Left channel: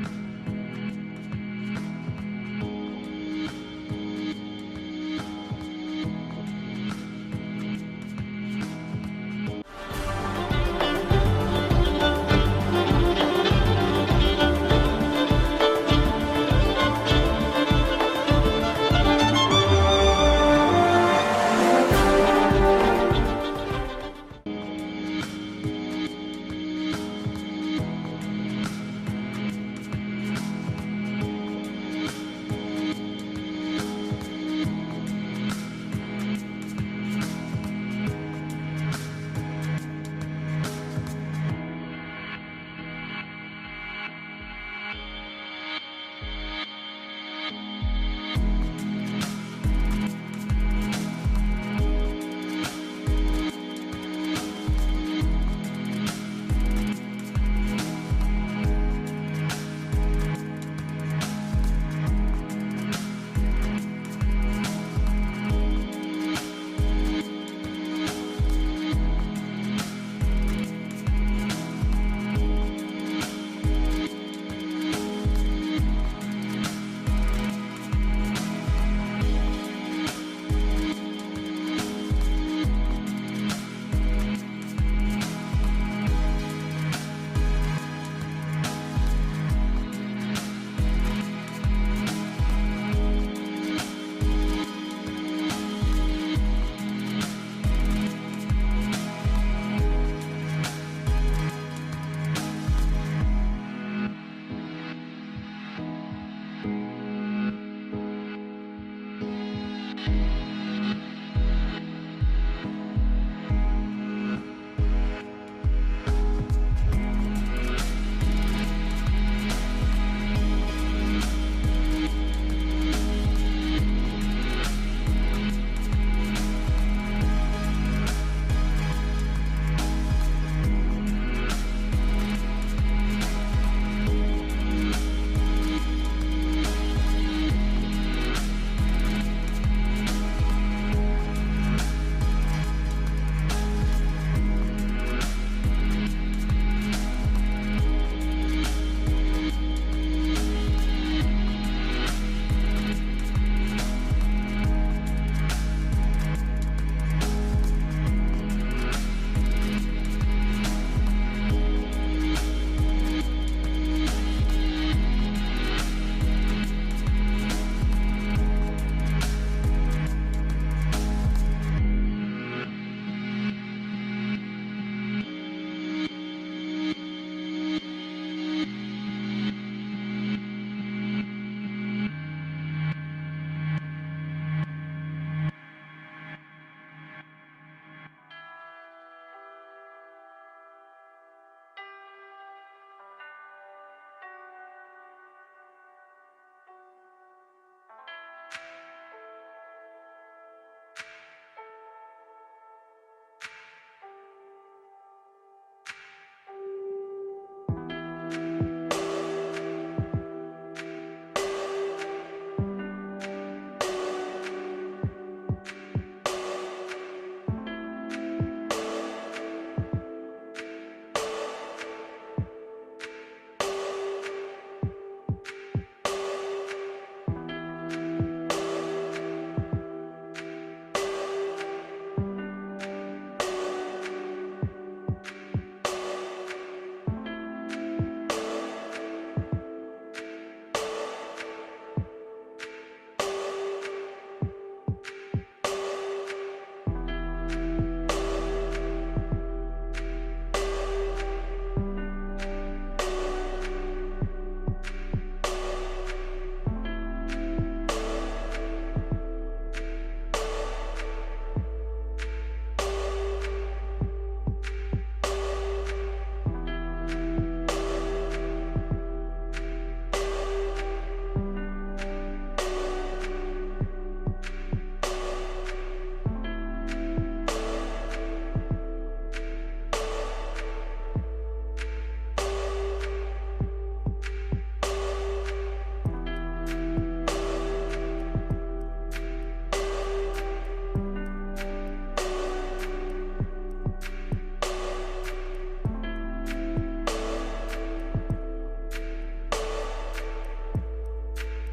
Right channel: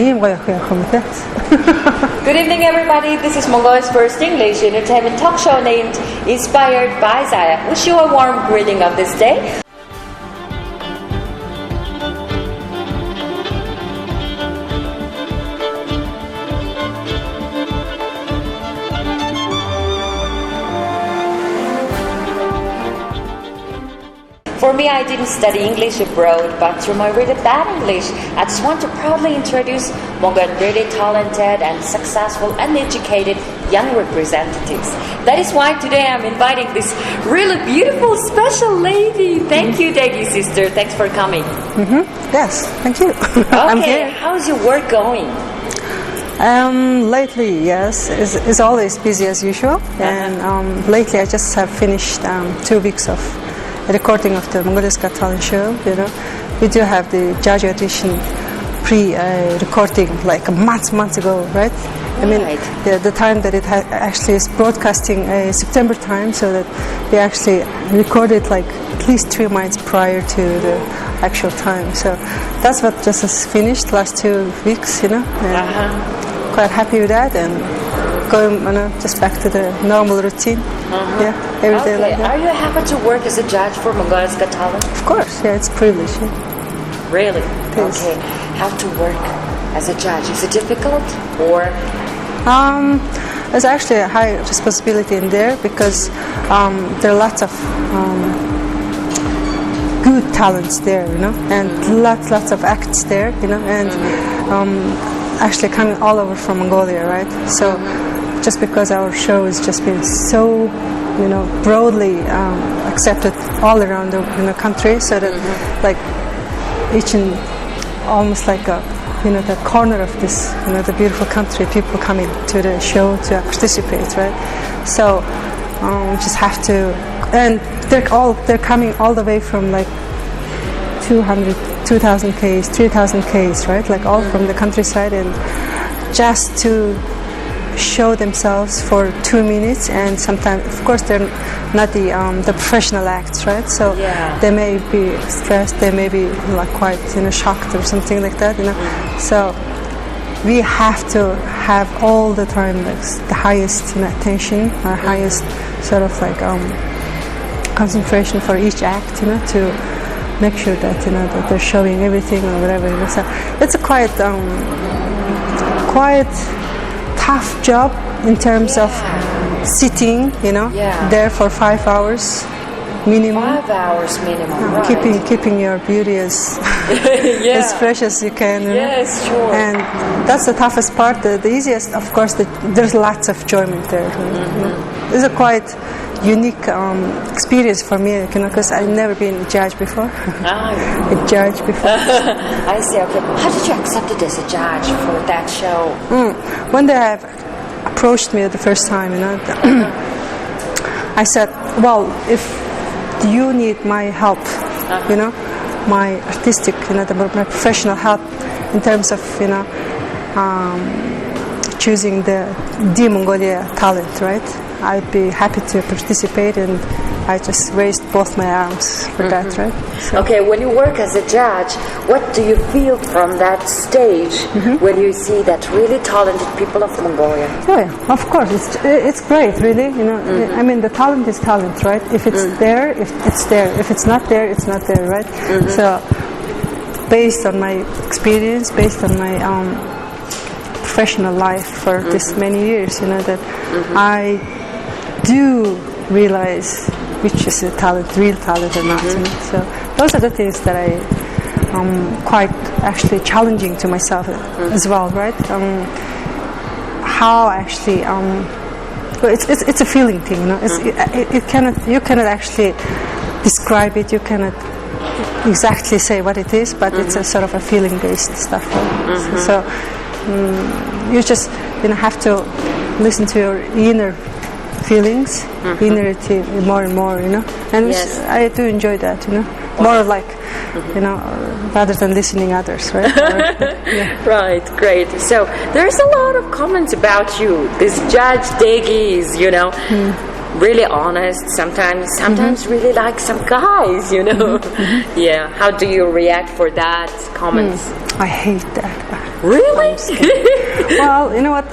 ийм гоё охин явах юм те. Good evening, everybody. This is Mongolia's first English entertainment talk show named Inspired by Zaya. Wish you a warm greeting of this day. For me, I didn't study English abroad, but through my really bad English, I just want to proudly introduce Mongolian really talented and successful and educated young representatives. That is why today I'm inviting this really beautiful, special lady. Thank you, Дээгий sister. Thanks for coming. Yes, thank you. I'm Okay, here. how's your work going? Lately, yes, is always busy as usual. And lately, I just have finished 2 weeks of recording of the Mongolia's Got Talent show. You know, we do have the judge audition pre-recording like months ago, right? I mean, the time that it actually is broadcasting September time, so that we actually recorded like at least 3 months prior to the actual time. So that's what just has finished last 2 weeks, you know. And quite happy with that, and going just back to the normal routine. Yeah, every day like that. Are you happy to work as a judge for Mongolia's Got Talent? Of course, yeah, it's a privilege. Yeah. Really? Yes. Okay. How to work as a judge? Is it difficult or? There's actually a high responsibility in there because there are lots of good talents there, you know, and lots of acts there, you know, and actually coming all over from Mongolia, right? So just because our show has just been so, you know, broadly accepted all around the country, so that like each and almost like a, you know, the corner of this, you know, the beautiful country, people coming to the show to participate, right? So we just have to, and they're coming all the way from like 2,000 Ks, 3,000 Ks, right? Like all from the countryside, and just to show themselves for 2 minutes. And sometimes, of course, they're not the professional acts, right? So they may be stressed, they may be like quite, you know, shocked or something like that, you know. So we have to have all the time like the highest, you know, attention, our highest sort of like concentration for each act, you know, to make sure that, you know, that they're showing everything or whatever. You know. So it's a quite tough job in terms of sitting, you know, there for 5 hours minimum. 5 hours minimum. Right. Keeping your beauty as as fresh as you can. You know? Yes, sure. And that's the toughest part. The easiest, of course, there's lots of enjoyment there. You know? It's a quite unique experience for me, you know, because I've never been a judge before. A judge before. I see. Okay. How did you accept it as a judge for that show? When they have approached me the first time, you know, I said, well, if you need my help, you know, my artistic, you know, my professional help in terms of, you know, choosing the Mongolia talent, right? I'd be happy to participate, and I just raised both my arms for that, right? So. Okay, when you work as a judge, what do you feel from that stage when you see that really talented people of Mongolia? Oh yeah, of course, it's great, really. You know, I mean, the talent is talent, right? If it's there, if it's there. If it's not there, it's not there, right? So, based on my experience, based on my professional life for this many years, you know, that I do realize which is a talent, real talent or not. You know? So those are the things that I quite actually challenging to myself as well, right? How actually it's a feeling thing, you know. You cannot actually describe it. You cannot exactly say what it is, but it's a sort of a feeling based stuff. Right? So you just, you know, have to listen to your inner feelings, inner more and more, you know. And I do enjoy that, you know. More like, you know, rather than listening others, right? Right, great. So there's a lot of comments about you. This Judge Дээгий is, you know, really honest. Sometimes really like some guys, you know. Yeah. How do you react for that comments? I hate that. Really? Well, you know what?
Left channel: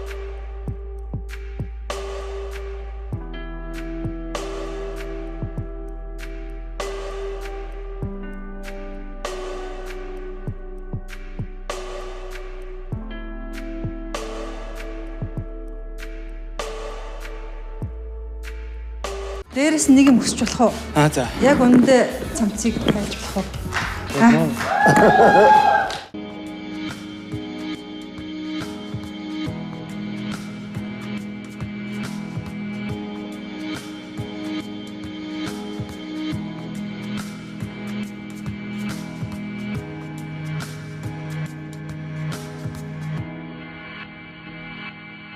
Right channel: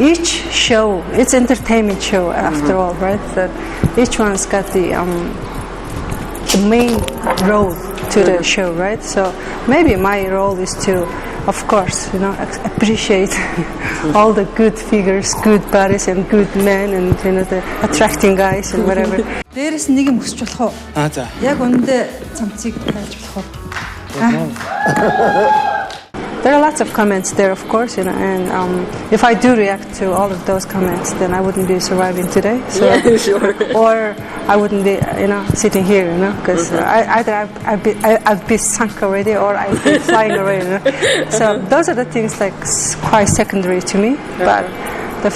Each show, it's entertainment show after all, right? So each one's got the main role to the show, right? So maybe my role is to, of course, appreciate all the good figures, good bodies, and good men, and the attracting guys and whatever. Дээрээс нэг юм өсч болох уу? За. Яг үндэ цамцыг хайж болох уу? There are lots of comments there, of course, and if I do react to all of those comments, then I wouldn't be surviving today. So, Yeah, sure. Or I wouldn't be, sitting here, because either I'd be sunk already, or I'd be flying away. So those are the things like quite secondary to me. But the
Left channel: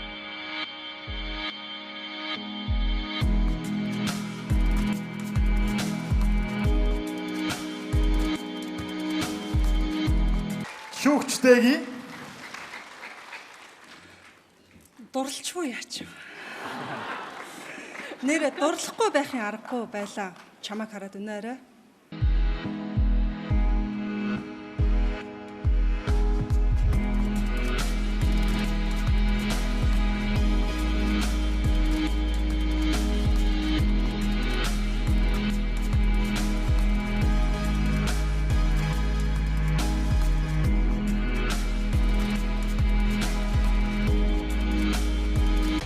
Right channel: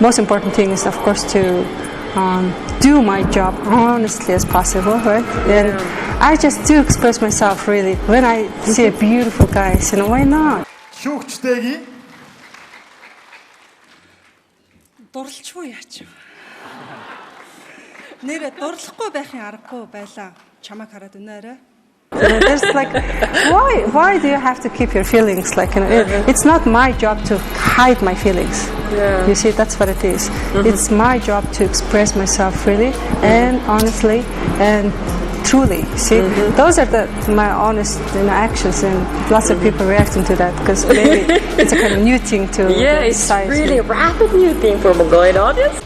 most important thing is, of course, to do my job honestly as possible, right? And I just do express myself really when I see a beautiful guy. Why not? Хийлч Ч.Дээгий. Дурлалчгүй яач. Нээрээ дурлахгүй байхын аргагүй байлаа. Чамайг хараад үнээрээ. There's like, why do you have to keep your feelings? Like, it's not my job to hide my feelings. Yeah. You see, that's what it is. It's my job to express myself freely and honestly and truly. See, those are my honest actions, and lots of people reacting to that because maybe it's a kind of new thing to Yeah, it's really a rapid new thing for Mongolian audience.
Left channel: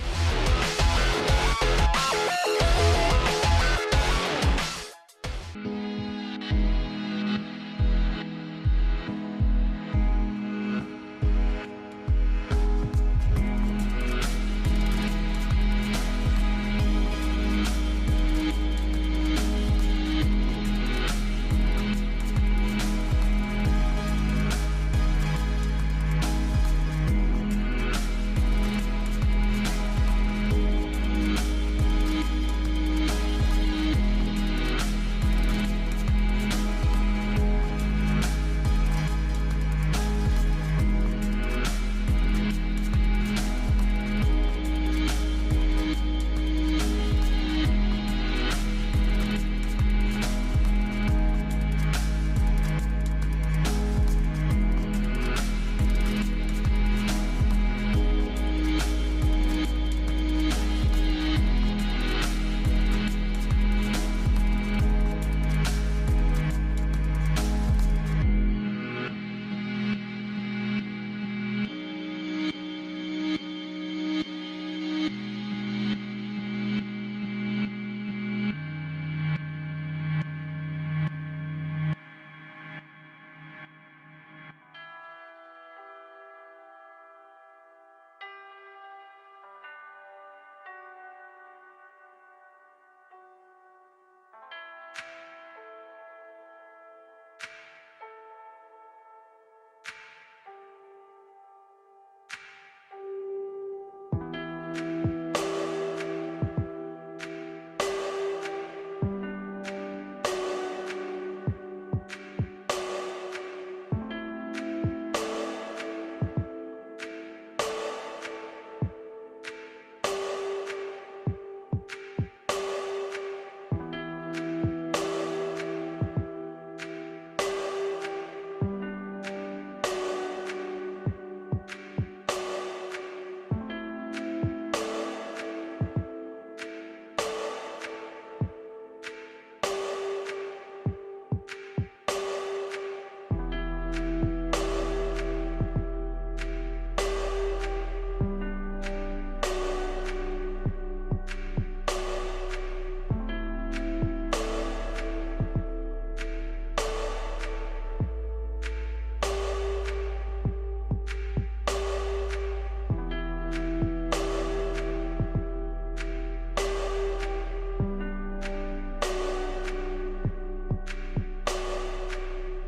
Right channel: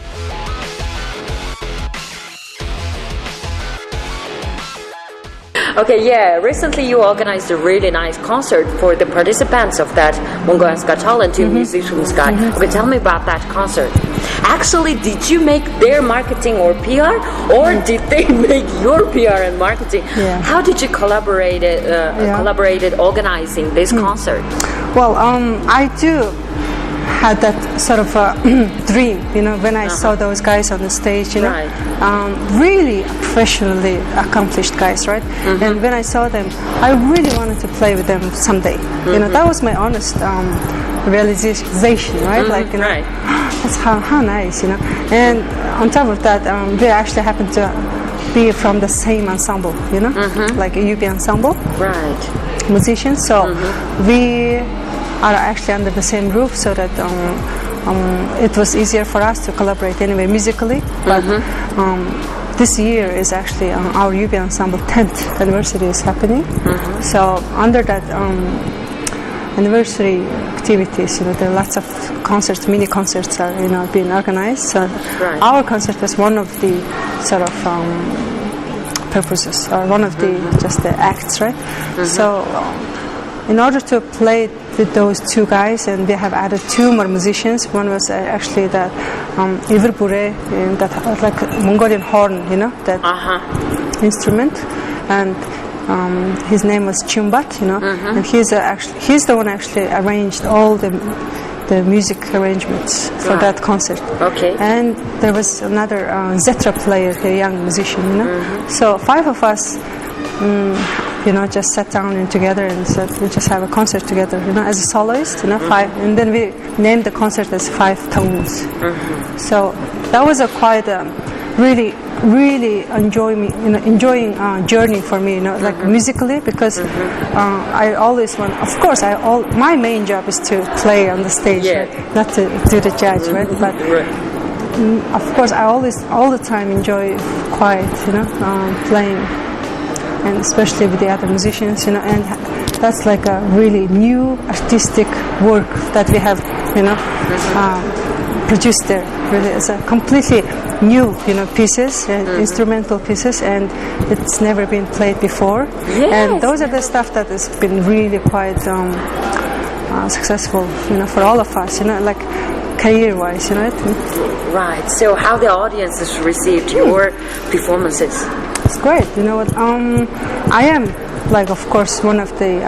Okay, yeah, recently you organized a really nice concert for the participants of that Mongolian's Got Talent 2 Musicians Guide. Okay, tell me about that concert. Actually, did you make their marketing or PR, or did they make your PR and marketing? Yeah. How did you collaborated organizing this concert? Well, I do had that sort of a dream, when I saw those guys on the stage, Right. Really professionally accomplished guys, right? And when I saw them, I really wanted to play with them someday. That was my honest realization, right? Like, Right. that's how nice, And on top of that, they actually happened to be from the same ensemble, like a UB ensemble. Right. Musicians. So we are actually under the same roof, so that it was easier for us to collaborate anyway musically. But this year is actually our UB ensemble 10th anniversary is happening. So under that anniversary activities, there are lots of concerts, mini concerts are being organized. So Right. our concert was one of the sort of purposes, or one of the just the acts, right? So in order to play with those two guys, and we have added two more musicians. One was actually the ilэрхийлсэн, that like Mongolian horn, that instrument, and his name was Chumbat, and he's the one actually arranged all the music arrangements for Right. that concert. Okay. And there was another Zetra player, a young musician, So 5 of us just sat down together and said we just have a concert together, as a soloist, 5, and then we named the concert as 5 Tones. So that was a quite really enjoying journey for me, like musically, because I always want. Of course, my main job is to play on the stage, Yeah. right? Not to do the judge, right? But of course, I always all the time enjoy quiet, playing. And especially with the other musicians, and that's like a really new artistic work that we have, produced there. Really, it's a completely new, pieces, instrumental pieces, and it's never been played before. Yes. And those are the stuff that has been really quite successful, for all of us, like career-wise, Right. So how the audience has received your performances? It's great. I am, like, of course, one of the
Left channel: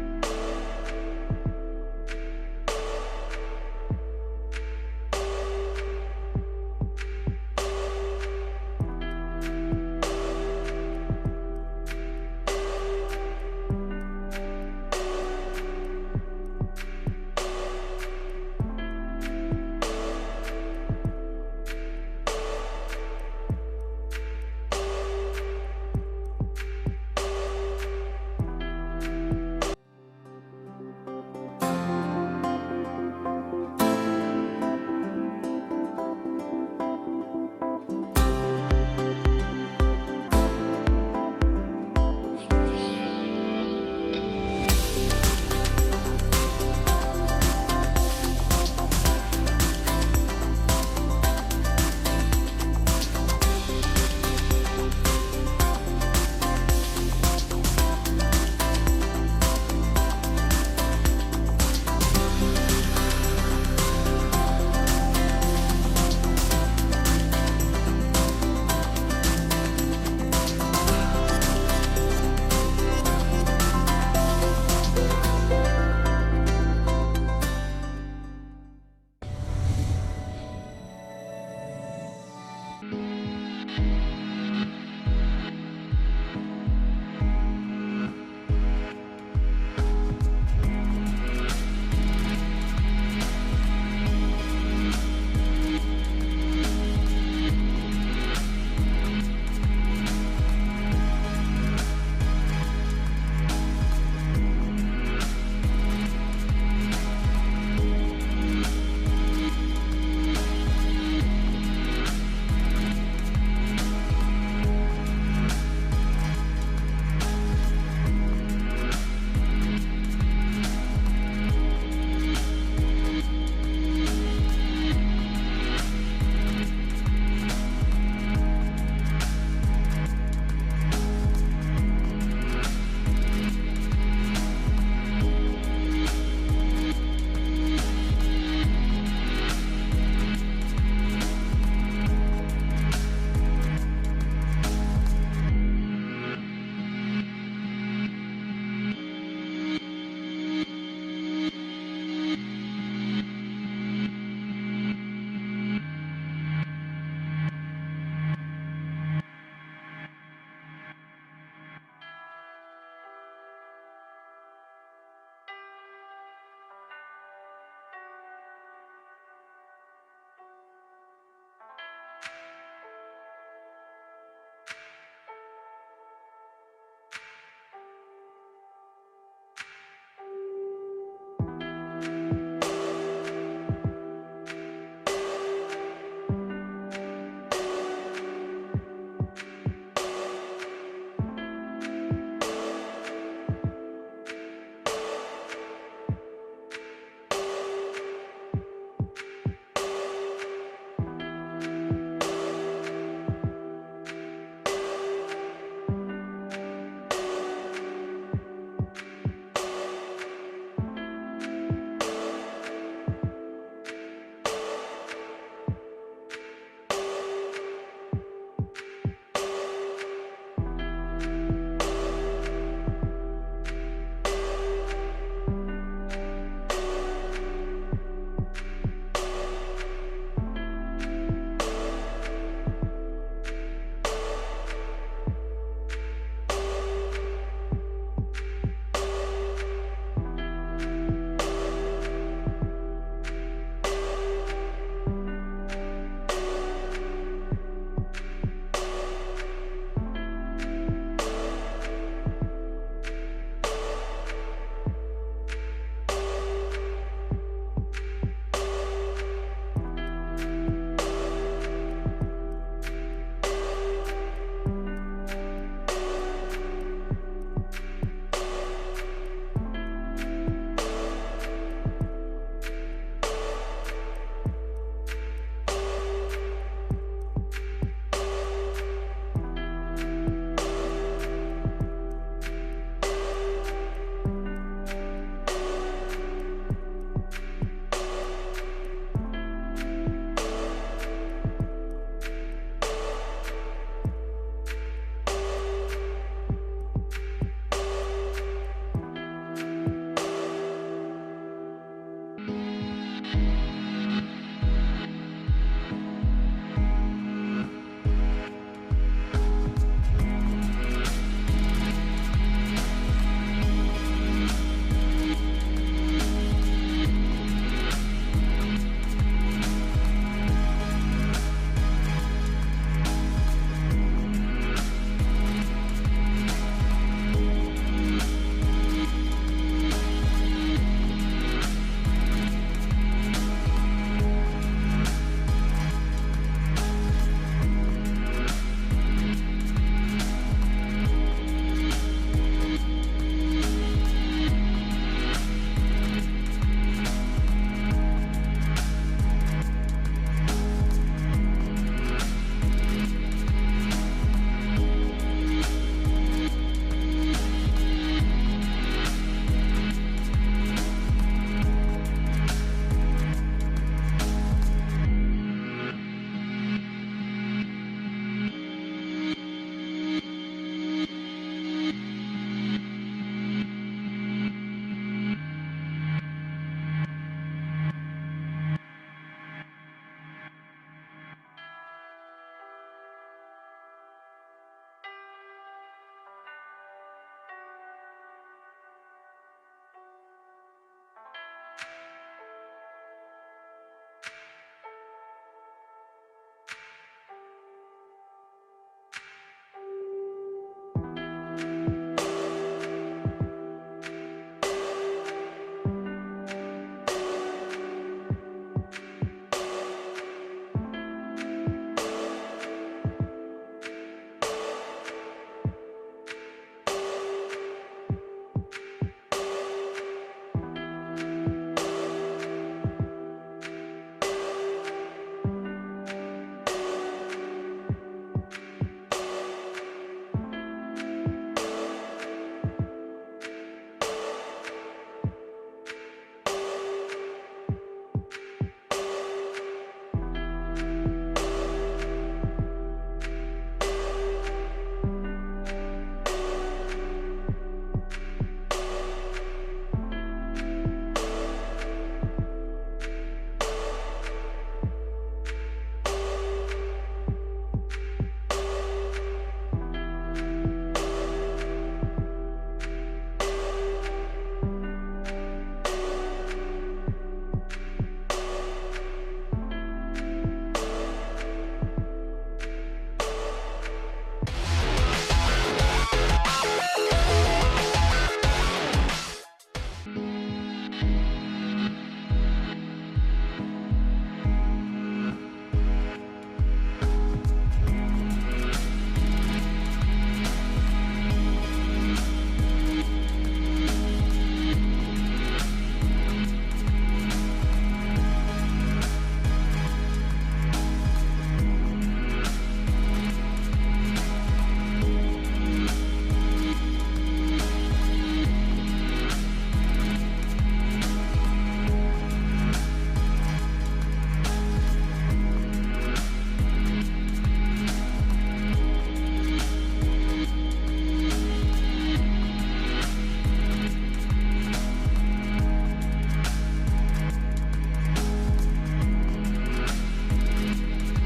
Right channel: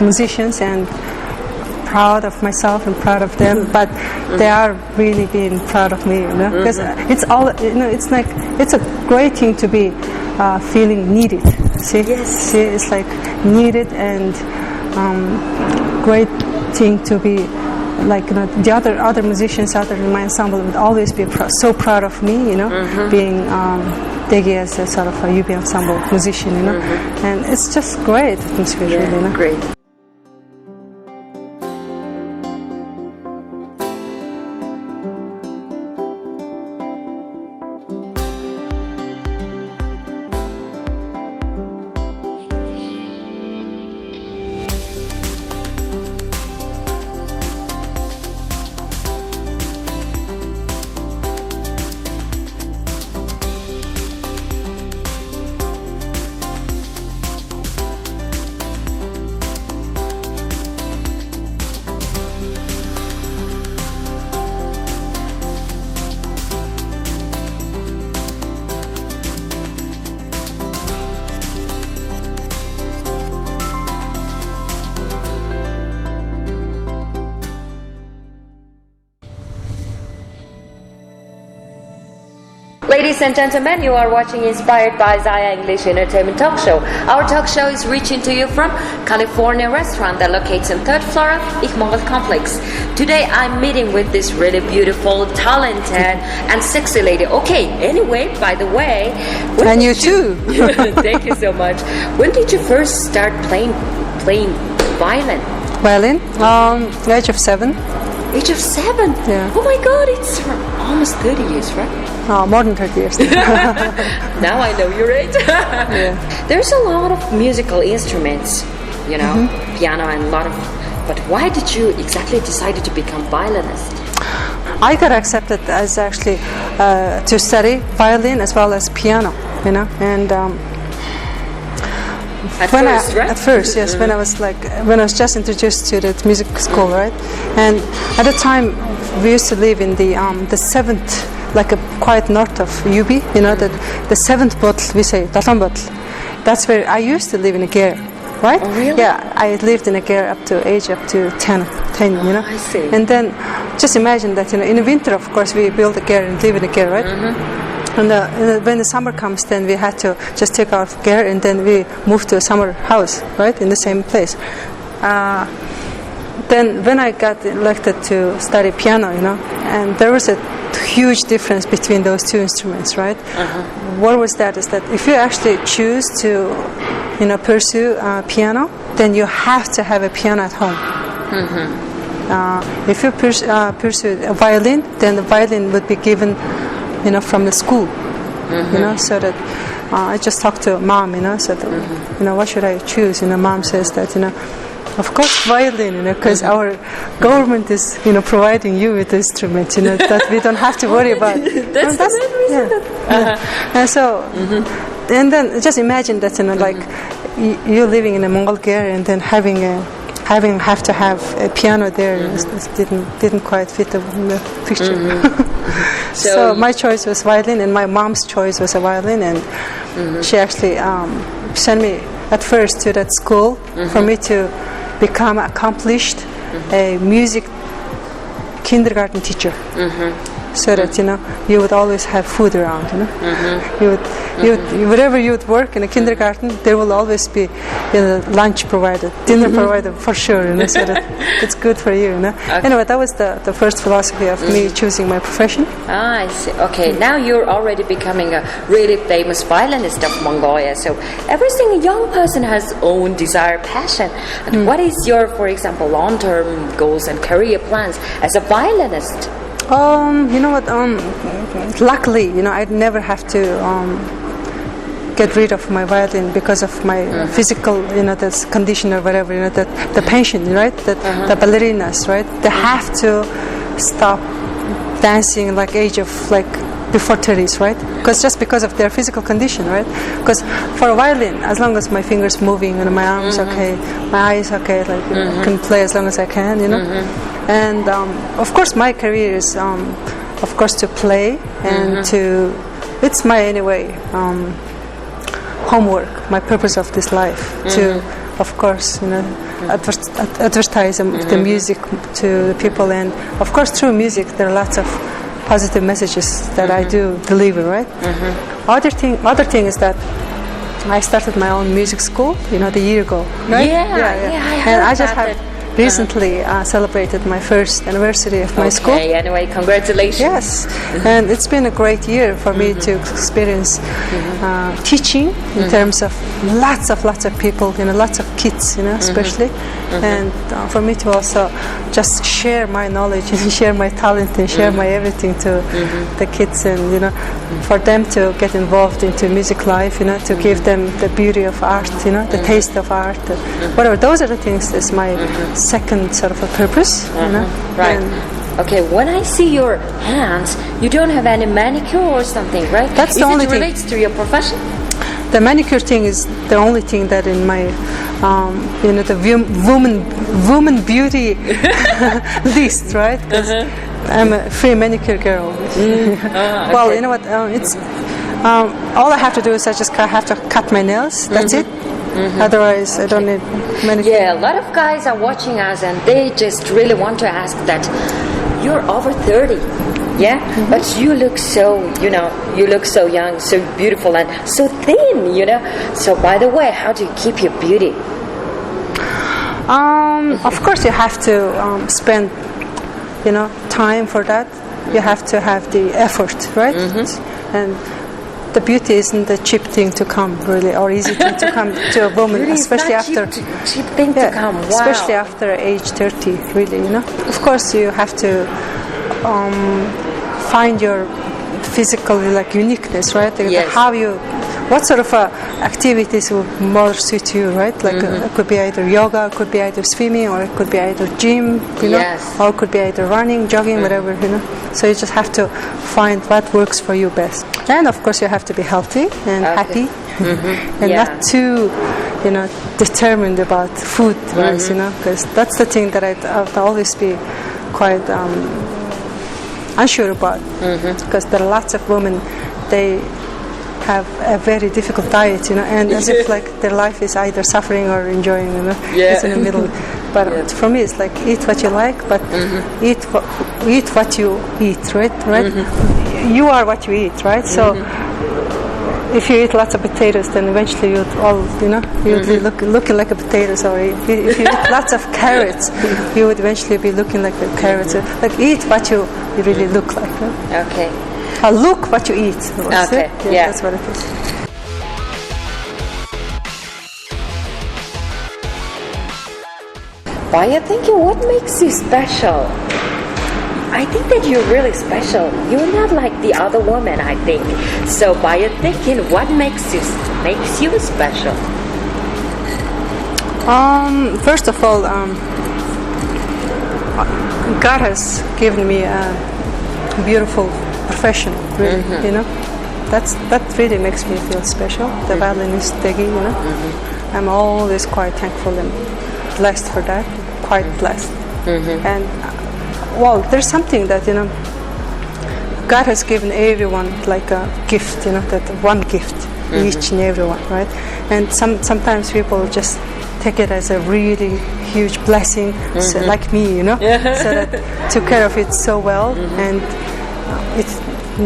musicians, and proud of myself and proud of them. But they are really being proud of me, because it's all, it's like it's a great thing to be feeling needed. See, it's like needed, and great thing to be. Like the other musicians out there in my ensemble would always be so proud of me, being Дээгий as a sort of a UB ensemble musician, and it's just great atmosphere, really. Great. Ladies and gentlemen, you are watching Inspired by Zaya English Entertainment Talk Show. Our talk show is reaching to you from California restaurant that locates on 3rd floor of Mongol Complex. Today I'm meeting with this really beautiful, talented and sexy lady. Okay, anyway, by the way... And you too. Thank you so much. When did you first start playing violin? Violin? The age of 7. Age of 7? Yeah. Oh my God, it's almost 30 years, right? More than 30 years. Now I know your age. Yeah. There's a lot of musical instruments, you know, piano and a lot of... But why did you exactly decide to become violinist? I got accepted as actually to study violin as well as piano, you know, and At first, yes, when I was just introduced to the music school, right, and at the time we used to live in the 7th, like a quite north of UB, you know, that the 7th bottle, we say dalon bottle. That's where I used to live in a ger, right? Oh, really? Yeah, I lived in a ger up to 10, you know. I see. And then just imagine that, you know, in the winter, of course, we build a ger and live in a ger, right? And when the summer comes, then we had to just take our gear and then we moved to a summer house, right, in the same place. Then when I got elected to study piano, you know, and there was a huge difference between those two instruments, right? What was that? Is that if you actually choose to, you know, pursue piano, then you have to have a piano at home. If you pursue a violin, then the violin would be given, you know, from the school, you know, so that I just talked to mom, you know, so that, you know, what should I choose? You know, mom says that, you know, of course violin, you know, because our government is, you know, providing you with the instrument, you know, that we don't have to worry about. That's the main reason. Yeah. And so, and then just imagine that, you know, like you living in a Mongol ger and then have to have a piano there, it didn't quite fit the picture. So my choice was violin, and my mom's choice was a violin, and she actually sent me at first to that school for me to become accomplished a music kindergarten teacher. So that, you know, you would always have food around, you know. You would, wherever you would work in a kindergarten, there will always be, you know, lunch provided, dinner provided for sure, you know, so that it's good for you, you know. Okay. Anyway, that was the first philosophy of me choosing my profession. I see. Okay, now you're already becoming a really famous violinist of Mongolia. So every single young person has own desire, passion. And what is your, for example, long-term goals and career plans as a violinist? You know what? Luckily, you know, I'd never have to get rid of my violin because of my physical, you know, this condition or whatever, you know, the pension, right? The ballerinas, right? They have to stop dancing like age of like before 30s, right? Because of their physical condition, right? Because for a violin, as long as my fingers moving and my arms okay, my eyes okay, like you know, I can play as long as I can, you know. And of course, my career is, of course, to play and to. It's my anyway homework, my purpose of this life to, of course, you know, advertise the music to the people, and of course, through music, there are lots of positive messages that I do deliver, right? Other thing is that I started my own music school, you know, the year ago, right? Yeah. And I just have recently celebrated my first anniversary of my school. Okay, anyway, congratulations. Yes, and it's been a great year for me to experience teaching in terms of lots of people, you know, lots of kids, you know, especially, and for me to also just share my knowledge and share my talent and share my everything to the kids, and you know, for them to get involved into music life, you know, to give them the beauty of art, you know, the taste of art, whatever. Those are the things that's my second sort of a purpose, you know. Right. And okay, when I see your hands, you don't have any manicure or something, right? That's the only thing. Relates to your profession? The manicure thing is the only thing that in my, you know, the woman beauty list, right? I'm a free manicure girl. Well, okay. you know what? It's all I have to do is I just have to cut my nails. That's it. Otherwise, I don't need manicure. Yeah, a lot of guys are watching us and they just really want to ask that you're over 30. Yeah, but you look so, you look so young, so beautiful, and so thin, So, by the way, how do you keep your beauty? Of course, you have to spend, time for that. You have to have the effort, right? And the beauty isn't a cheap thing to come, really, or easy thing to come to a woman, Really, especially it's not after cheap thing to come. Wow. especially after age 30, really. Of course, you have to find your physical uniqueness, right? Yes. What sort of activities would more suit you, right? It could be either yoga, it could be either swimming, or it could be either gym, Yes. or it could be either running, jogging, whatever, So you just have to find what works for you best. And of course, you have to be healthy and happy, and not too, determined about food-wise, because that's the thing that I've always be quite unsure about, because there are lots of women, they have a very difficult diet, and as if their life is either suffering or enjoying, It's in the middle. But for me, it's eat what you like, but eat what you eat, right? You are what you eat, right? So if you eat lots of potatoes, then eventually you'd be looking like a potato. So if you eat lots of carrots, you would eventually be looking like the carrots. So, eat what you really look like, right? Okay. Look what you eat. Okay, yeah. That's what it is. Why are you thinking what makes you special? I think that you're really special. You're not like the other women, I think. So by you thinking what makes you special? First of all, God has given me a beautiful profession, really, that really makes me feel special. The violinist Ч.Дээгий, I'm always quite thankful and blessed for that, quite blessed. And there's something that God has given everyone like a gift, that one gift, each and everyone, right? And sometimes people just take it as a really huge blessing, so like me, so that took care of it so well, and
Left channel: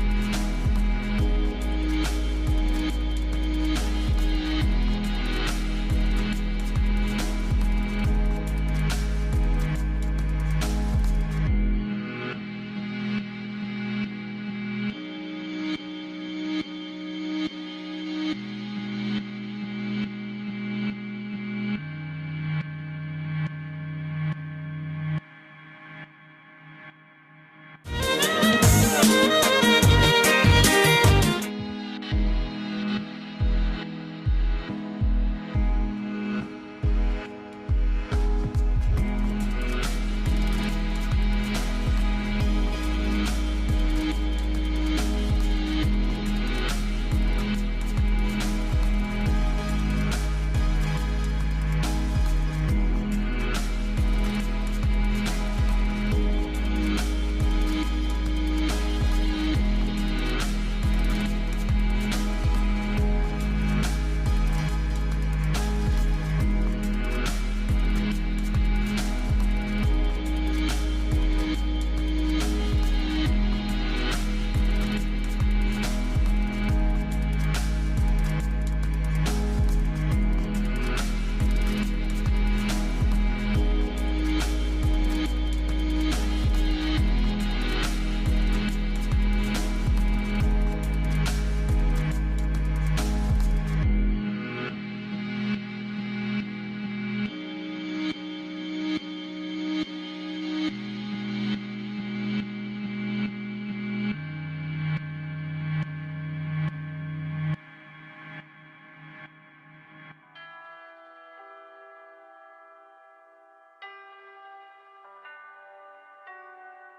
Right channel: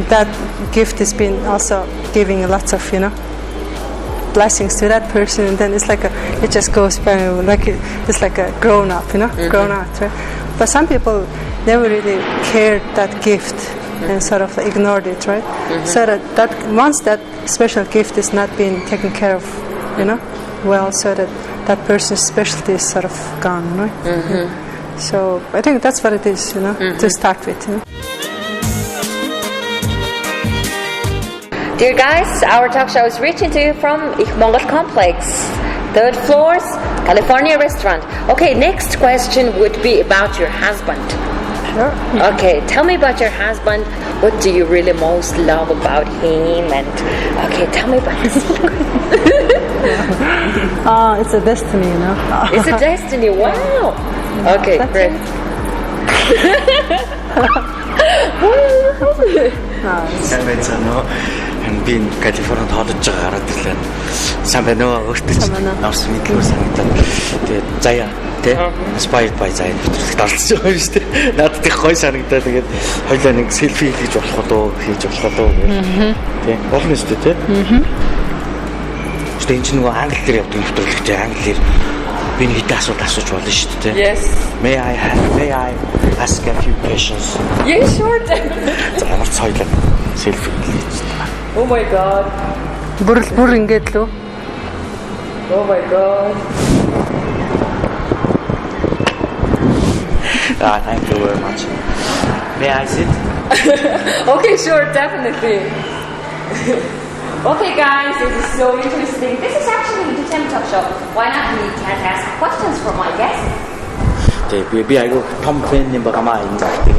that gift has been also giving lots of blessings to that person, and then it's it just goes by it's like a grown up, grown up, right? But some people never really cared that gift and sort of ignored it, right? So that once that special gift is not being taken care of, well, so that person's specialty is sort of gone, right? So I think that's what it is, to start with. Dear guys, our talk show is reaching to you from Mongol Complex, 3rd floors, California restaurant. Okay, next question would be about your husband. Sure. Okay, tell me about your husband. What do you really most love about him? And okay, tell me about his It's a destiny, It's a destiny. Wow. Okay, great. Би Калифорнид ходож байгаа гараад ирлээ. Сайн байна уу? Өөртөө ч авсан мэдлэг санагдаад. Тэгээд Zaya тий inspired by Zaya нэвтрүүлэгт оролцож байгаа юм шүү дээ. Надад их гоё санагдаад тэгээд хоёлаа нэг селфи хийж болох уу гэх тий. Болно шүү дээ тий. Гэтэ энэ ч нөгөө англи дээр явдаг нэвтрүүлэгт англиэр би нэг хэдэн асуулт асууж болно шүү дээ. Yes. May I ask a few questions? Yeah, sure. За ямар ч хоёлаа селфи хийж. Oh my god. Бүр ингээд лөө. Oh my god. Thank you very much. May I sit? Okay, sure, definitely. Okay, guys, this is so interesting. This is actually the entertainment talk show. Why not we can ask questions from my guests? Okay, би айгүй том фэн юм багамаа энэ загтыг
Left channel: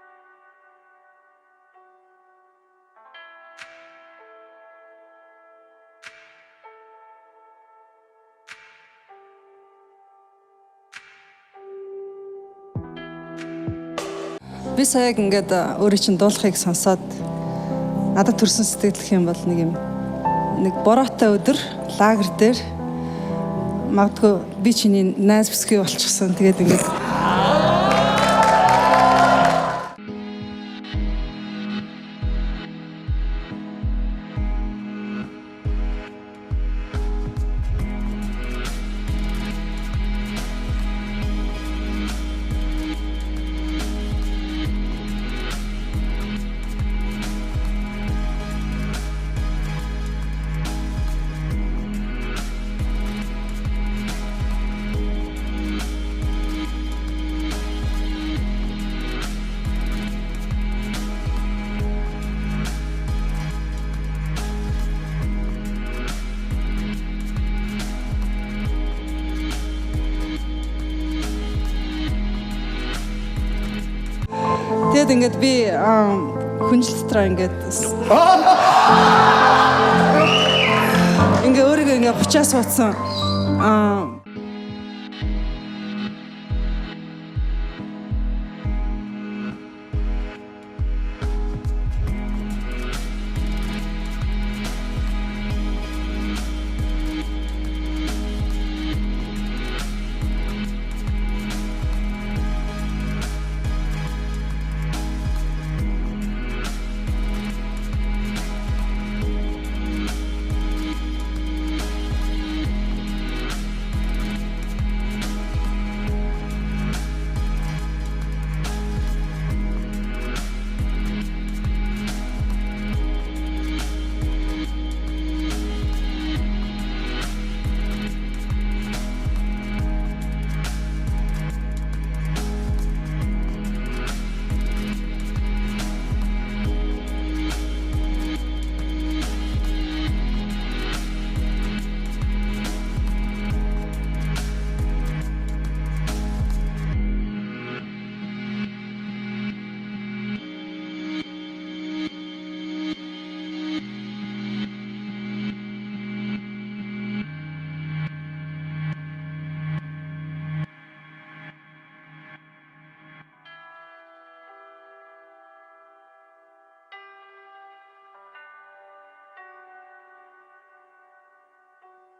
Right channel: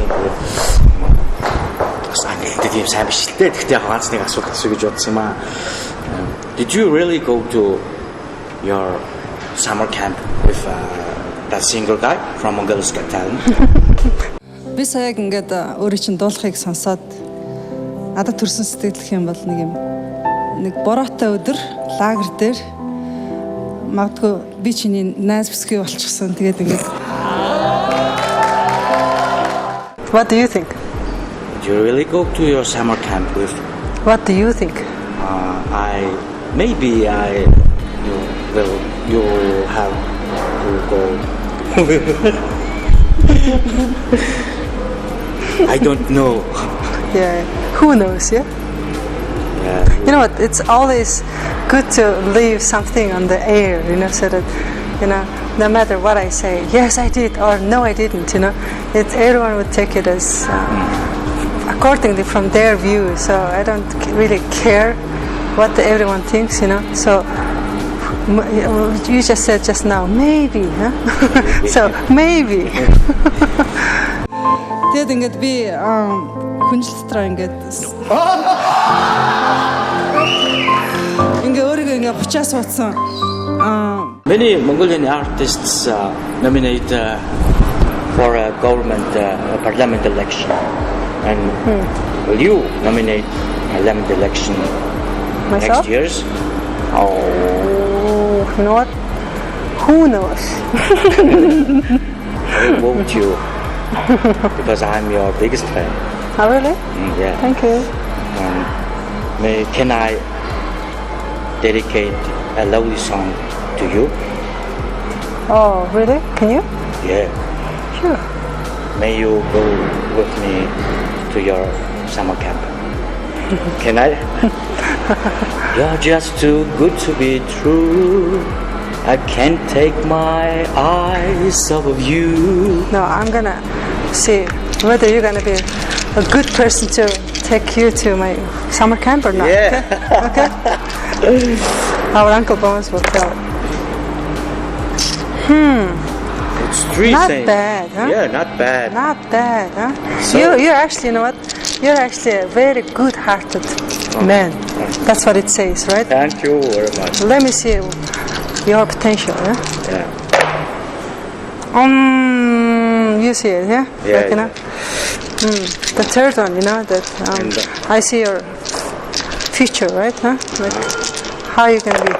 тийм сайн биш л дээ. Гэхдээ яг ганц нэг асуулт асуу гэж бодсон юм аа. Did you really go to your summer camp with that single guy from Mongolia's Got Talent? Би саяг ингээд өөрөө чинь дуулахыг сонсоод надад төрсэн сэтгэл юм бол нэг бороотой өдөр лагер дээр магадгүй би чиний найз бүсгүй болчихсон. Тэгээд ингээд What do you think? Would you really go to your summer camp with? What do you think? Maybe you have to go. I don't know. Yeah, who knows, yeah? You know what, it's always good to leave something on the air, so that, no matter what I say, yes I did or no I didn't, everyone would take it as accordingly from their view, so I don't really care what everyone thinks, so you just said just now, maybe, huh? So, maybe. Тэгээд ингээд би хүнжил дотроо ингээд өөрийгөө ингээд бучаа суудсан. Many Mongolian artists nominate for a government parliament election. And will you nominate parliament election Myself? next year's? Oh, you know what? Who knows? Won't you? Because I'm your biggest fan. Oh, really? Yeah. Thank you. Can I dedicate a lovely song to you? Oh, really? Can you? Yeah. Sure. May you go with me to your summer camp? Can I? You're just too good to be true. I can't take my eyes off of you. No, I'm gonna see whether you're gonna be a good person to take you to my summer camp or not. Yeah. Okay? Our Uncle Bones will tell. It's three Not things. bad, huh? Yeah, not bad. Not bad, huh? So- You're actually, you know what? You're actually a very good-hearted man. That's what it says, right? Thank you very much. Let me see your potential, yeah? Yeah. You see it, yeah? Yeah, Like, yeah. The third one, that And, I see your future, right? Huh? Like how you can be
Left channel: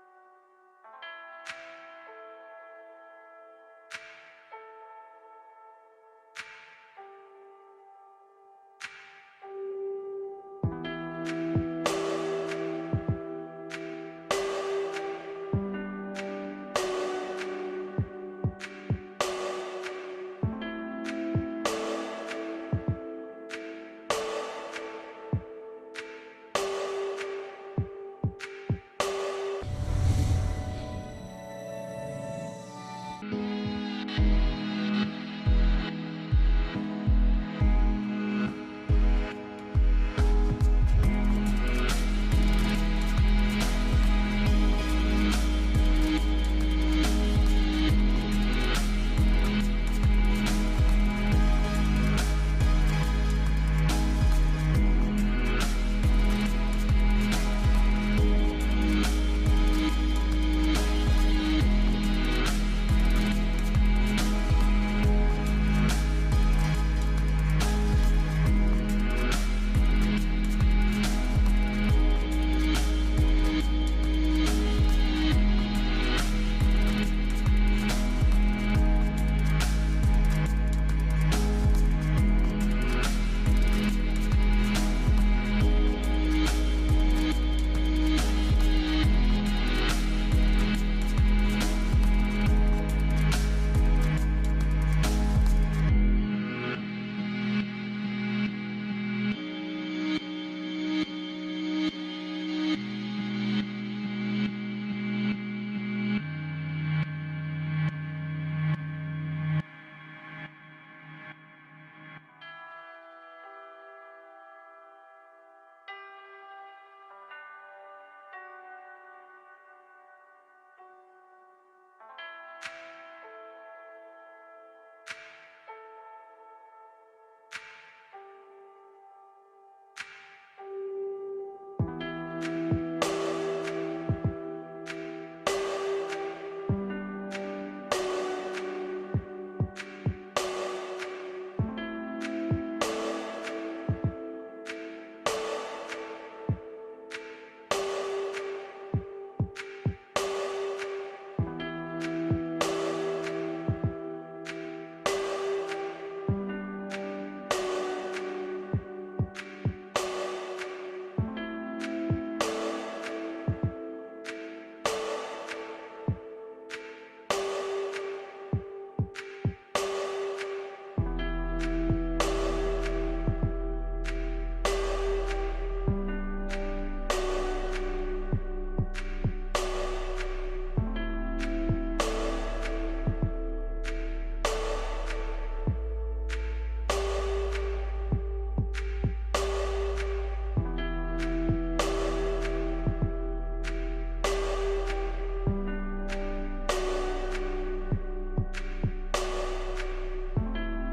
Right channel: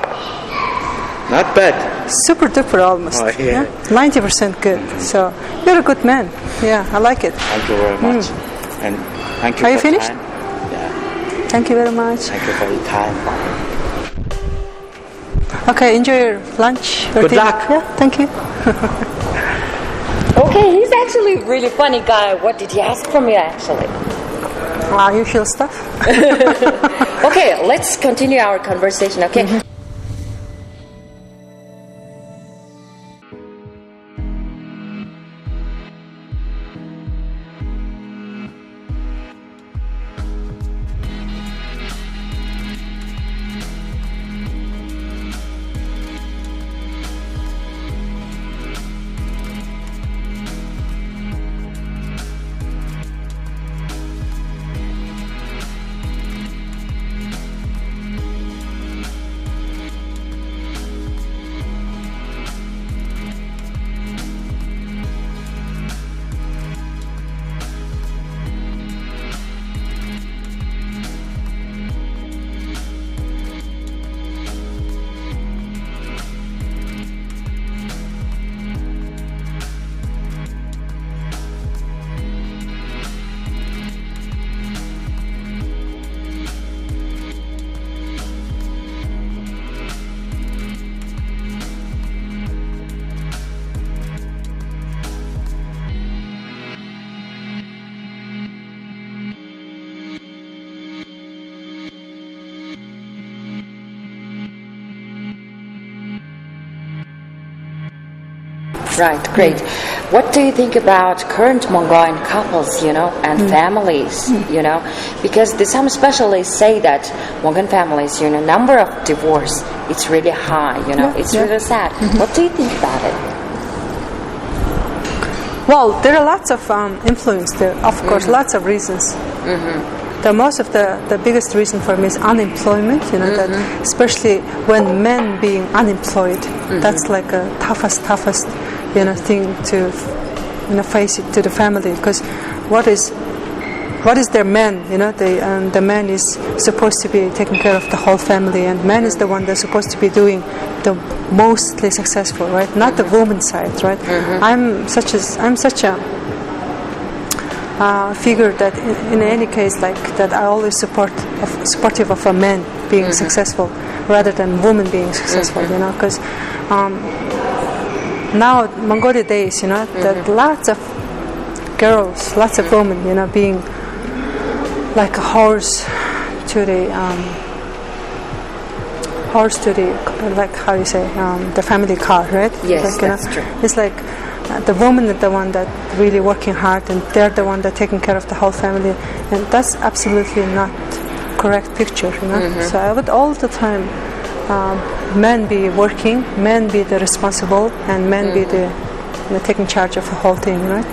Not bad. super duper almost. Oh, yeah. 90% good. So you're a good man. Yeah, I like it. Thank you very much. And thank you Are you for finished? time. Yeah. Thank you very much. Thank you for your time. Okay, enjoy your lunch. Your Good dinner. luck. Yeah, thank you. Okay, he's actually a really funny guy. What did he ask from you, actually? Usual stuff. Okay, let's continue our conversation, okay? Right, great. What do you think about current Mongolian couples, and families, Because some specialists say that Mongolian families, number of divorce, it's really high, it's really sad. What do you think about it? Well, there are lots of influence there. Of course, lots of reasons. The biggest reason for me is unemployment. That especially when men being unemployed, that's like a toughest thing to face it to the family, because what is their man? The man is supposed to be taking care of the whole family, and man is the one that's supposed to be doing the mostly successful, right? Not the woman side, right? I'm such a figured that in any case, like that, I always supportive of a man being successful rather than women being successful. You know, because now Mongolia days, you know, that lots of girls, lots of women, you know, being like a horse to the like how you say the family car, right? Yes, like, that's true. It's like the woman is the one that really working hard, and they're the one that taking care of the whole family, and that's absolutely not correct picture, you know. So I would all the time men be working, men be the responsible, and men be the taking charge of the whole thing, right?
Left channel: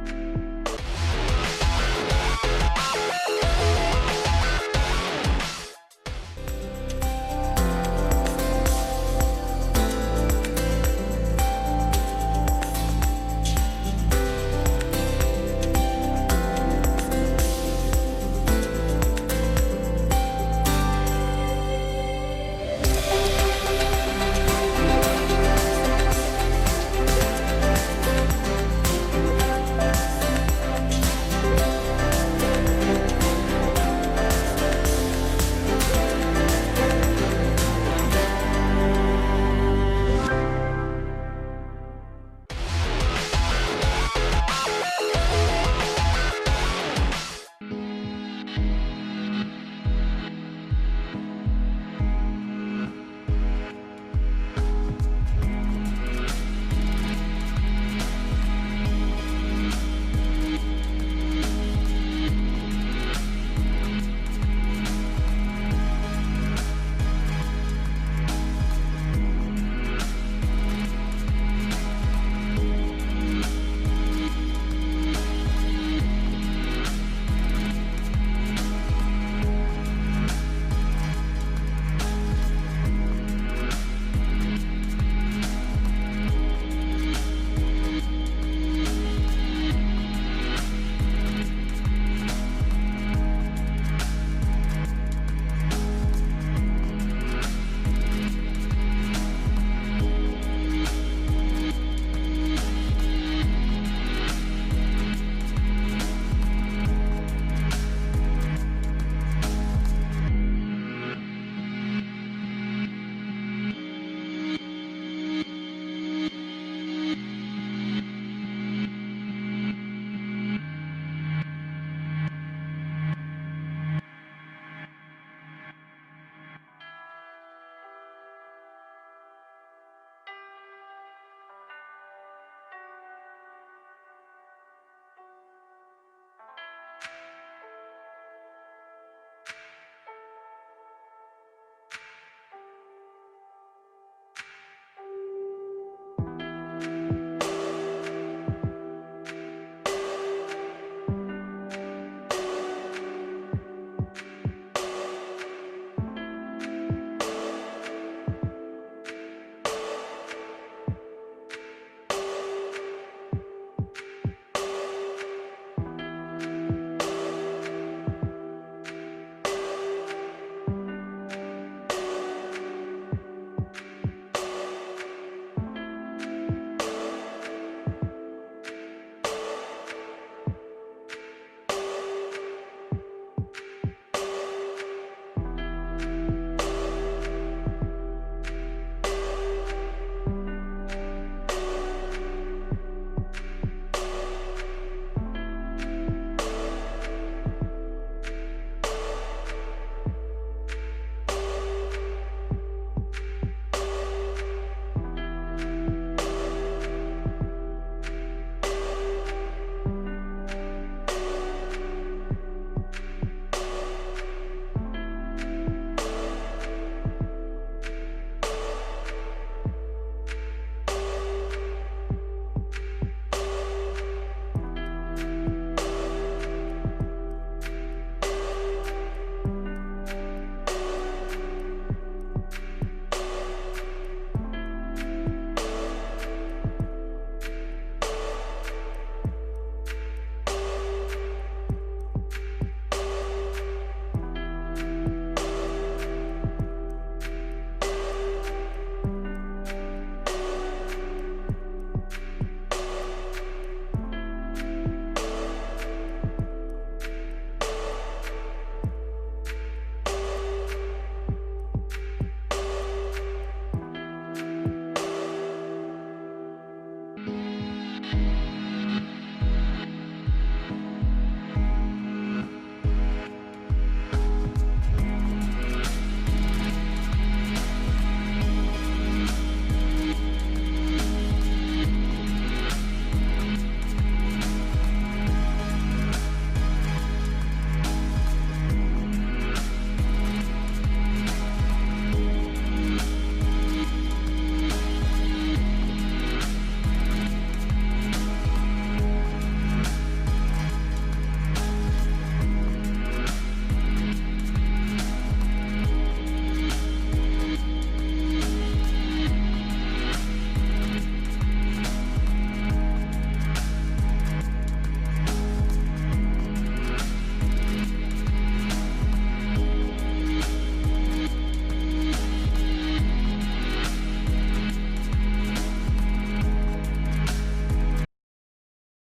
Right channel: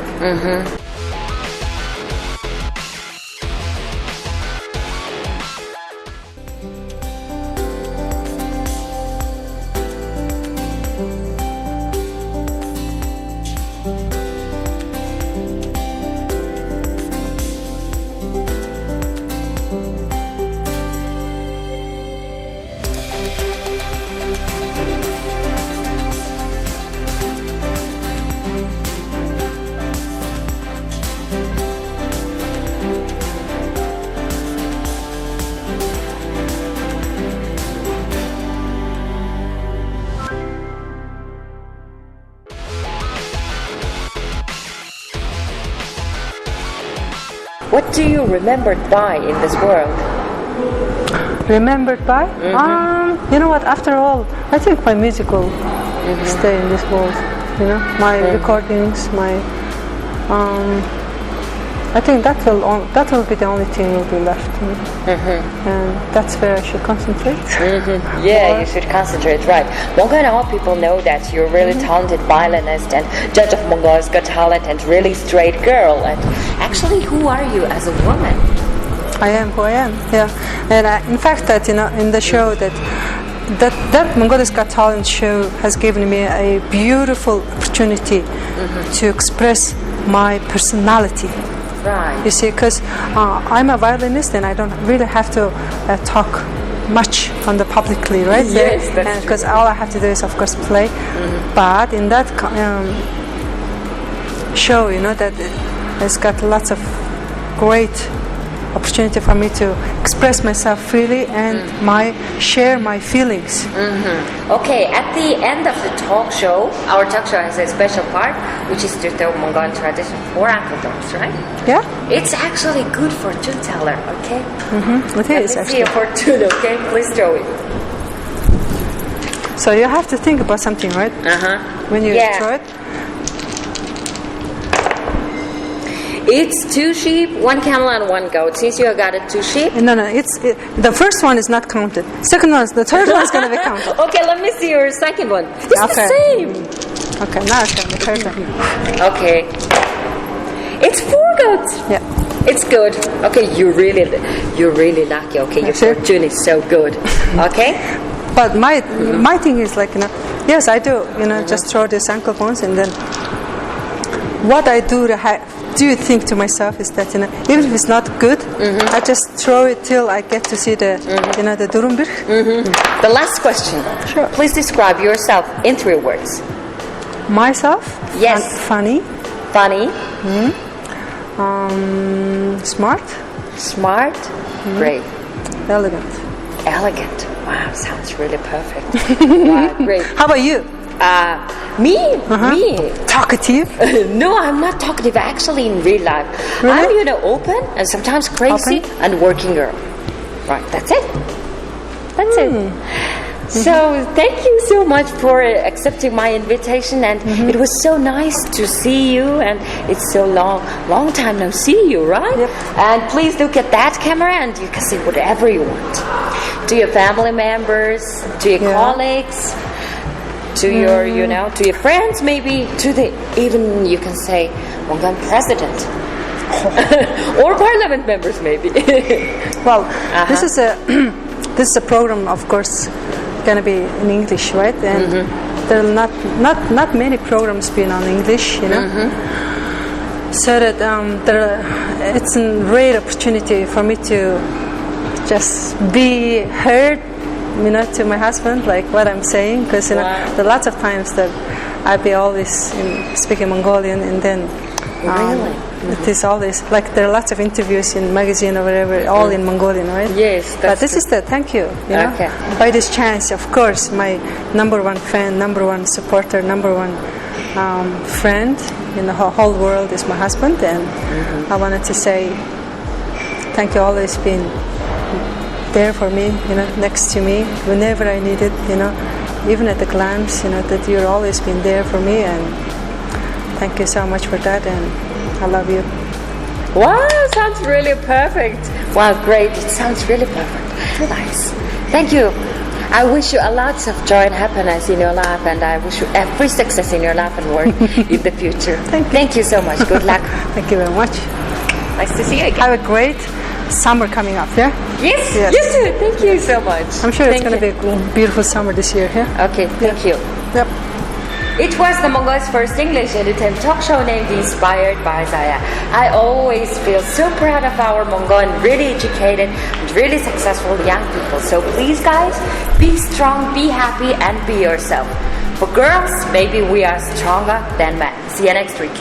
What do you remembered by in this world? Remembered by? You know what? After all, I think my music will stay in this world. You know, my recordings, my. I think that will be the only thing will be left, and that's where I should concentrate. Yeah, you should concentrate, right? Mongolia, all people know that you're a really talented violinist and judge of Mongolia's Got Talent and really straight girl. And actually, who are you as a woman? I am who I am. Yeah, and in fact, that in the show that Mongolia's Got Talent show has given me a beautiful opportunity to express my personality. Right. You see, because I'm a violinist and I don't really have to talk much on the publicly, right? Yes, that's because all I have to do is, of course, play. But in that show, you know, that it's got lots of great opportunity for me to express myself freely and share my feelings. Okay, at the end of the talk show, our talk show has a special part, which is to tell Mongolian tradition for Orthodox, right? Yeah? It's actually good fortune teller, okay? It is Let me see actually. a fortune, okay? Please throw it. So you have to think about something, right? When you throw it. It's 2 sheep, 1 camel, and 1 goat. Since you got it 2 sheep. No, the first one is not counted. The third one is going to be counted. Okay, let me see your second one. It's the same. Okay, now it's going to be third one. Okay. It's 4 goats. Yeah. It's good. Okay, you're really lucky. Okay, your fortune is so good. Okay. But my thing is like, you know, yes, I do, you know, just throw these ankle bones, and then what I do you think to myself is that, you know, even if it's not good, I just throw it till I get to see the, you know, the durumbir. The last question. Sure. Please describe yourself in 3 words. Myself? Yes. Funny. Funny. Smart. Smart. Great. Elegant. Elegant. Wow, sounds really perfect. Wow, great. How about you? Me? Talkative? No, I'm not talkative. Actually, in real life, Really? I'm, you know, open and sometimes crazy and working girl. Right, that's it. That's it. So thank you so much for accepting my invitation, and it was so nice to see you, and it's so long time no see you, right? Yep. And please look at that camera, and you can see whatever you want. To your family members, to your colleagues, to your, you know, to your friends, maybe to the, even you can say, Mongolian president. Or parliament members, maybe. Well, this is a program, of course, gonna be in English, right? And there are not many programs being on English, you know. So that it's a great opportunity for me to just be heard, you know, to my husband, like what I'm saying, because you know, there are lots of times that I'd be always speaking Mongolian, and then It is always like there are lots of interviews in magazine or whatever, all in Mongolian, right? Yes, But this is the thank you. You know, Okay. by this chance, of course, my number one fan, number one supporter, number one friend in the whole world is my husband, and I wanted to say thank you. Always been there for me, you know, next to me whenever I need it, you know, even at a glance, you know, that you've always been there for me, and thank you so much for that, and I love you. Wow, sounds really perfect. Wow, great. It sounds really perfect. Nice. Thank you. I wish you a lot of joy and happiness in your life, and I wish you every success in your life and work in the future. Thank you so much. Good luck. Thank you very much. Nice to see you again. Have a great summer coming up, yeah? Yes, Yes. you too. Thank you so much. I'm sure it's Thank going to you. be a beautiful summer this year, yeah? Okay, thank you. Yep. It was the Mongol's first English edited talk show named Inspired by Zaya. I always feel so proud of our Mongolian, really educated, really successful young people. So please, guys, be strong, be happy, and be yourself. For girls, maybe we are stronger than men. See you next week.